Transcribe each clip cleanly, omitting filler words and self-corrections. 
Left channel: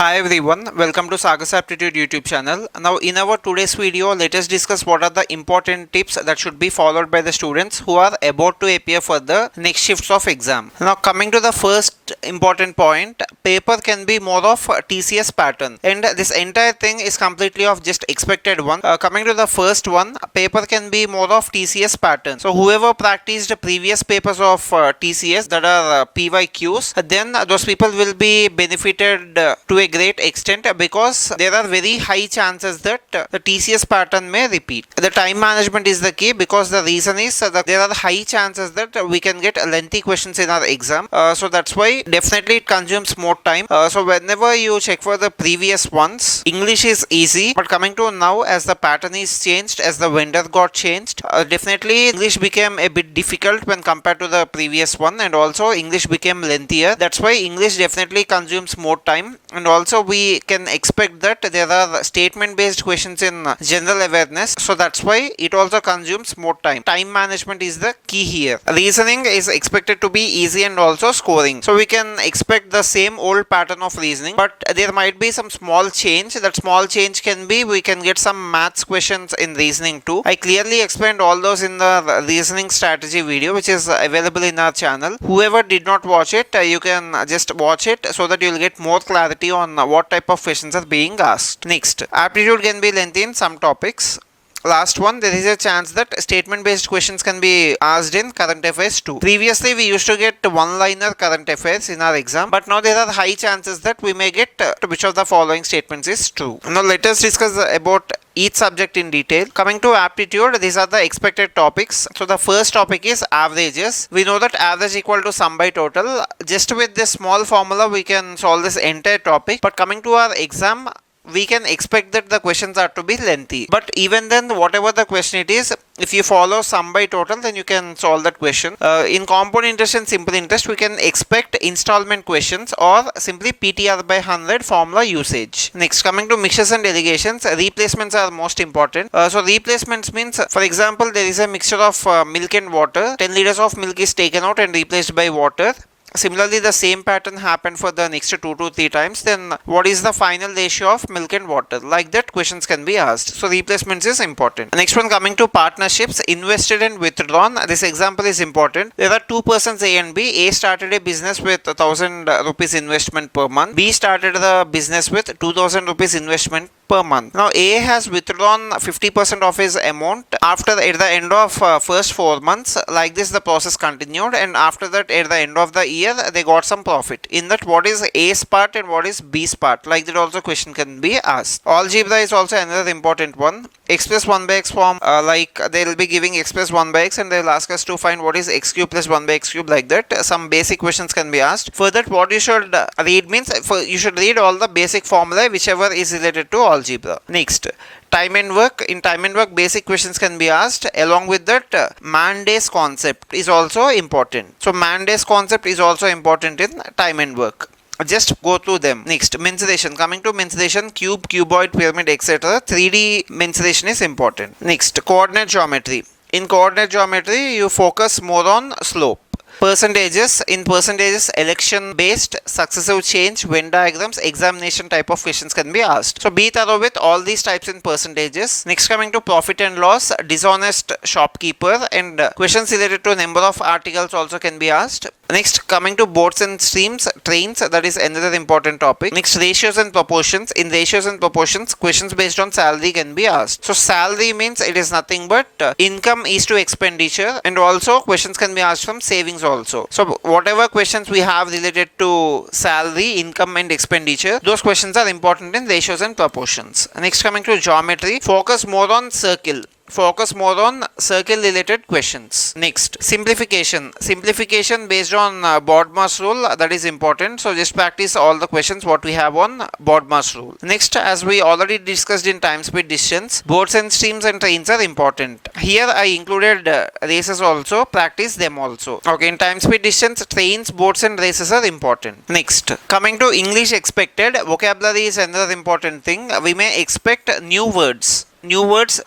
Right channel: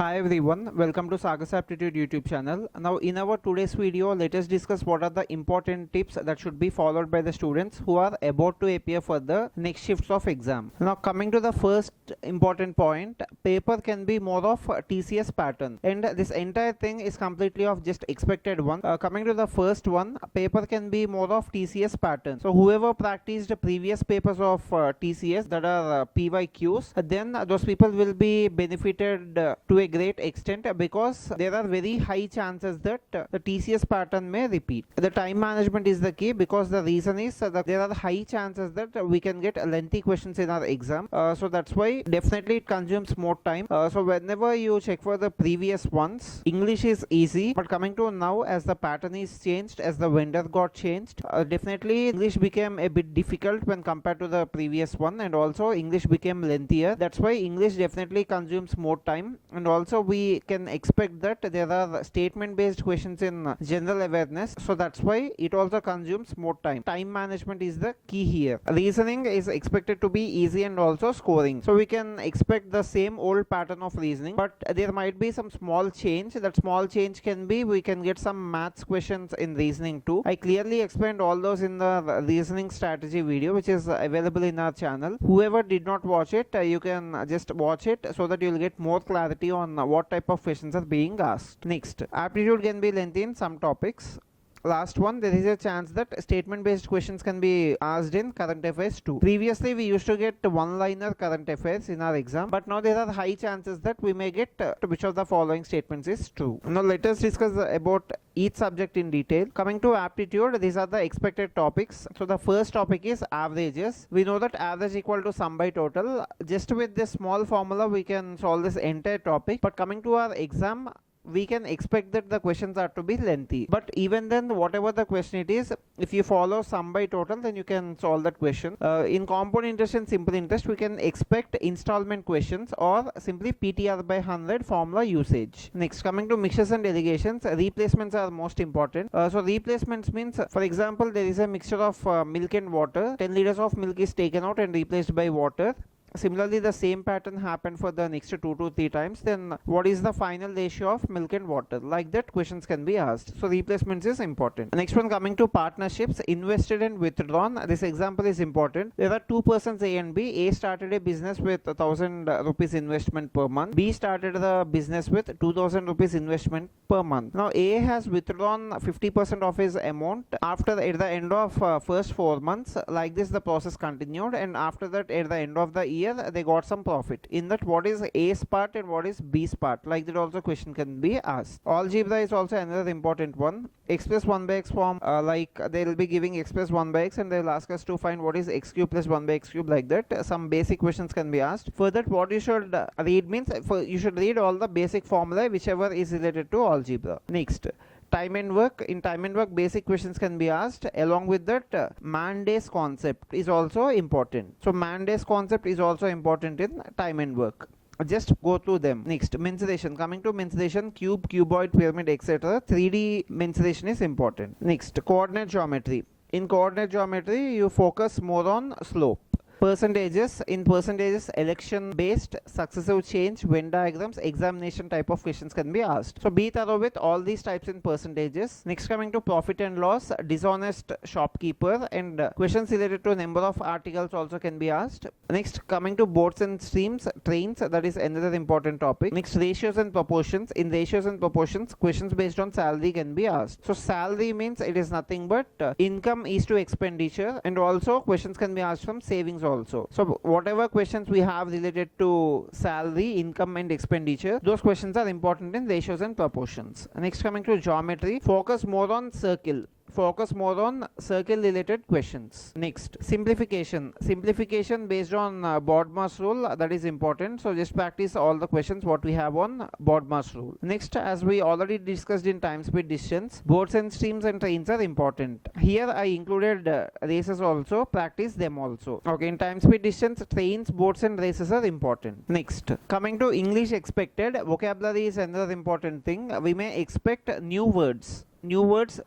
Hi everyone, welcome to Sagas Aptitude YouTube channel. Now in our today's video, let us discuss what are the important tips that should be followed by the students who are about to appear for the next shifts of exam. Now coming to the first important point, paper can be more of TCS pattern, and this entire thing is completely of just expected one. Coming to the first one, paper can be more of TCS pattern. So whoever practiced previous papers of TCS that are PYQs, then those people will be benefited to a great extent because there are very high chances that the TCS pattern may repeat. The time management is the key because the reason is that there are high chances that we can get lengthy questions in our exam. So that's why definitely it consumes more time. So whenever you check for the previous ones, English is easy, but coming to now, as the pattern is changed, as the vendor got changed, definitely English became a bit difficult when compared to the previous one, and also English became lengthier. That's why English definitely consumes more time, and also we can expect that there are statement based questions in general awareness, so that's why it also consumes more time. Time management is the key here. Reasoning is expected to be easy and also scoring, so we can expect the same old pattern of reasoning, but there might be some small change. That small change can be we can get some maths questions in reasoning too. I clearly explained all those in the reasoning strategy video, which is available in our channel. Whoever did not watch it, you can just watch it so that you'll get more clarity on what type of questions are being asked. Next, aptitude can be lengthy in some topics. Last one, there is a chance that statement based questions can be asked in current affairs too. Previously we used to get one liner current affairs in our exam, but now there are high chances that we may get which of the following statements is true. Now let us discuss about each subject in detail. Coming to aptitude, these are the expected topics. So the first topic is averages. We know that average equal to sum by total. Just with this small formula we can solve this entire topic, but coming to our exam, we can expect that the questions are to be lengthy, but even then, whatever the question it is, if you follow sum by total, then you can solve that question. In compound interest and simple interest, we can expect installment questions or simply PTR by 100 formula usage. Next, coming to mixtures and delegations, replacements are most important. So replacements means, for example, there is a mixture of milk and water. 10 liters of milk is taken out and replaced by water. Similarly, the same pattern happened for the next 2 to 3 times. Then what is the final ratio of milk and water? Like that questions can be asked. So replacements is important. Next one, coming to partnerships, invested and withdrawn. This example is important. There are two persons, A and B. A started a business with 1000 rupees investment per month. B started the business with 2000 rupees investment per month. Now A has withdrawn 50% of his amount at the end of first 4 months. Like this the process continued, and after that at the end of the year they got some profit. In that, what is A's part and what is B's part? Like that also question can be asked. Algebra is also another important one. Express 1 by x form, like they will be giving express 1 by x and they will ask us to find what is x cube plus 1 by x cube. Like that some basic questions can be asked. For that, what you should read means you should read all the basic formulae whichever is related to algebra. Next, time and work. In time and work, basic questions can be asked. Along with that, man days concept is also important. So man days concept is also important in time and work. Just go through them. Next, mensuration. Coming to mensuration, cube, cuboid, pyramid, etc. 3D mensuration is important. Next, coordinate geometry. In coordinate geometry, you focus more on slope. Percentages. In percentages, election based, successive change, Venn diagrams, examination type of questions can be asked. So be thorough with all these types in percentages. Next, coming to profit and loss, dishonest shopkeeper, and questions related to number of articles also can be asked. Next, coming to boats and streams, trains, that is another important topic. Next, ratios and proportions. In ratios and proportions, questions based on salary can be asked. So salary means it is nothing but income is to expenditure, and also questions can be asked from savings also. So whatever questions we have related to salary, income and expenditure, those questions are important in ratios and proportions. Next, coming to geometry, focus more on circle. Focus more on circle related questions. Next, simplification. Simplification based on Bodmer's rule, that is important. So just practice all the questions what we have on Bodmer's rule. Next, as we already discussed in time speed distance, boats and streams and trains are important. Here I included races also. Practice them also. Okay, in time speed distance, trains, boats and races are important. Next, coming to English expected, vocabulary is another important thing. We may expect new words. New words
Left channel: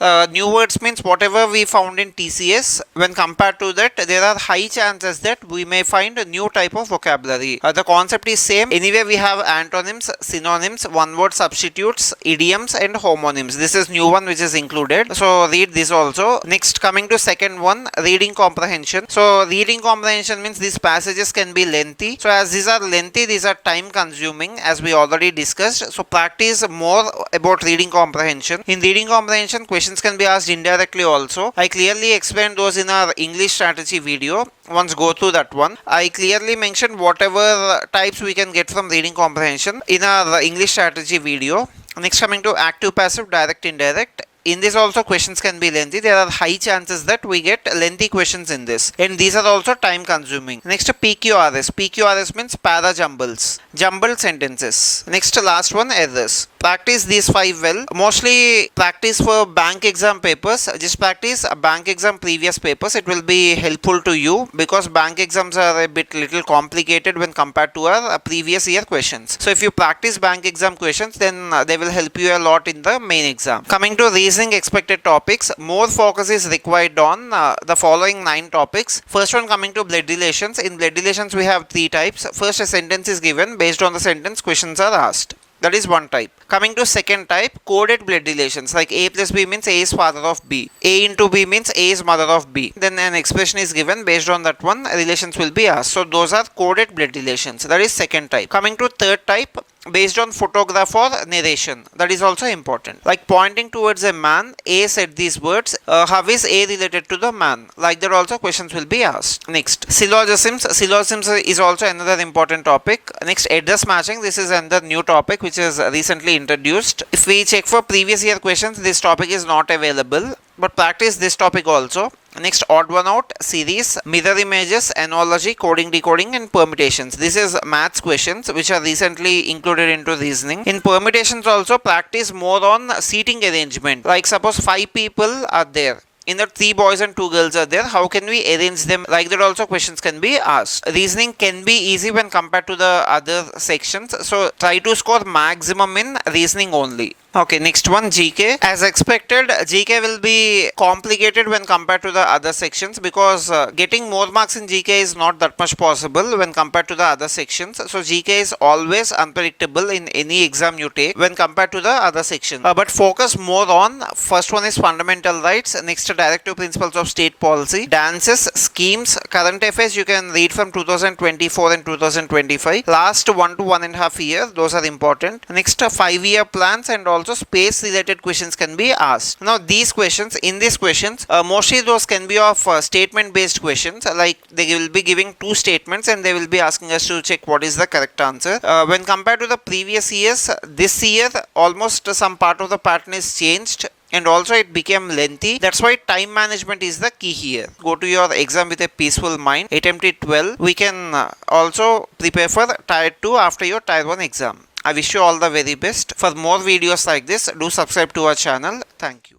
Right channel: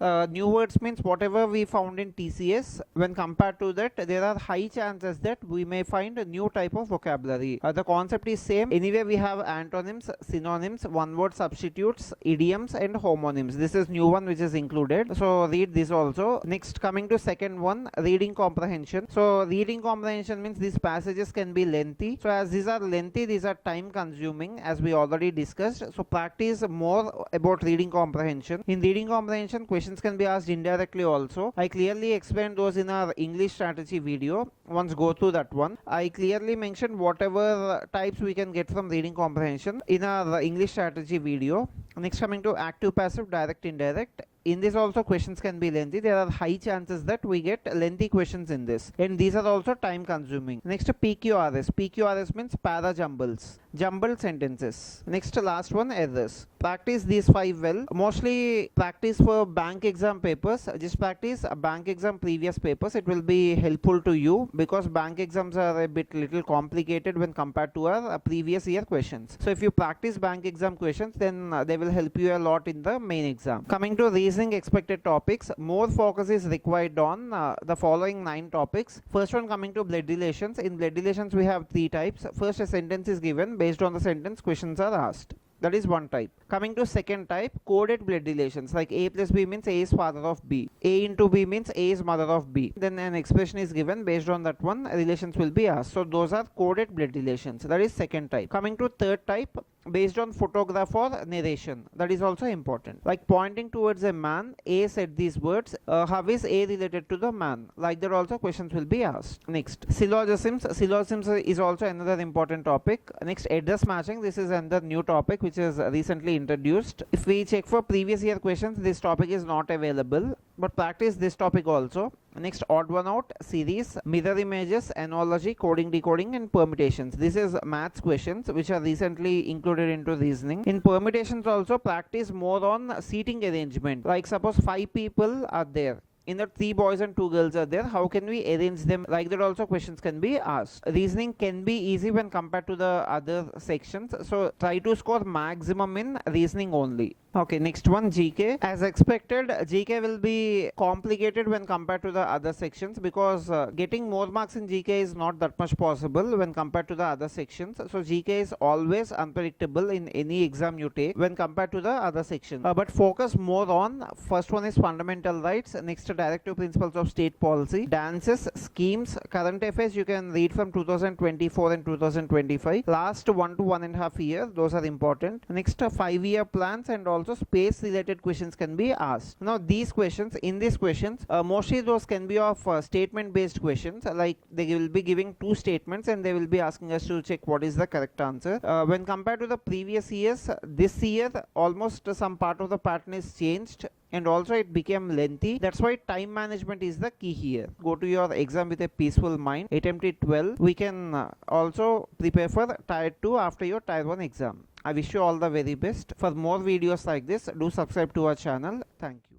means whatever we found in TCS. When compared to that, there are high chances that we may find a new type of vocabulary. The concept is same. Anyway, we have antonyms, synonyms, one word substitutes, idioms, and homonyms. This is new one which is included. So read this also. Next, coming to second one, reading comprehension. So reading comprehension means these passages can be lengthy. So as these are lengthy, these are time consuming, as we already discussed. So practice more about reading comprehension. In reading comprehension, questions can be asked indirectly also. I clearly explained those in our English strategy video. Once go through that one. I clearly mentioned whatever types we can get from reading comprehension in our English strategy video. Next, coming to active, passive, direct, indirect. In this also questions can be lengthy. There are high chances that we get lengthy questions in this, and these are also time consuming. Next, PQRS. PQRS means para jumbles, jumbled sentences. Next, last one, errors. Practice these 5 well. Mostly practice for bank exam papers. Just practice bank exam previous papers. It will be helpful to you because bank exams are a bit little complicated when compared to our previous year questions. So if you practice bank exam questions, then they will help you a lot in the main exam. Coming to reasoning expected topics, more focus is required on the following 9 topics. First one, coming to blood relations. In blood relations, we have 3 types. First, a sentence is given. Based on the sentence, questions are asked. That is one type. Coming to second type, coded blood relations, like A plus B means A is father of B. A into B means A is mother of B. Then an expression is given. Based on that one, relations will be asked. So those are coded blood relations. That is second type. Coming to third type, based on photograph or narration. That is also important. Like pointing towards a man, A said these words. How is A related to the man? Like that also questions will be asked. Next, syllogisms. Syllogisms is also another important topic. Next, address matching. This is another new topic which is recently introduced. If we check for previous year questions, this topic is not available, but practice this topic also. Next, odd one out series, mirror images, analogy, coding, decoding, and permutations. This is maths questions which are recently included into reasoning. In permutations also, practice more on seating arrangement. Like suppose 5 people are there. In that 3 boys and 2 girls are there. How can we arrange them? Like that also questions can be asked. Reasoning can be easy when compared to the other sections. So try to score maximum in reasoning only. Okay, next one, GK. As expected, GK will be complicated when compared to the other sections because getting more marks in GK is not that much possible when compared to the other sections. So GK is always unpredictable in any exam you take when compared to the other sections. But focus more on, first one is fundamental rights, next directive principles of state policy, dances, schemes, current affairs you can read from 2024 and 2025. Last 1 to 1.5 years, those are important. Next, 5-year plans and also space related questions can be asked. Now these questions, mostly those can be of statement based questions, like they will be giving 2 statements and they will be asking us to check what is the correct answer. When compared to the previous years, this year almost some part of the pattern is changed and also it became lengthy. That's why time management is the key here. Go to your exam with a peaceful mind, attempt it well. We can also prepare for tier 2 after your tier 1 exam. I wish you all the very best. For more videos like this, do subscribe to our channel. Thank you.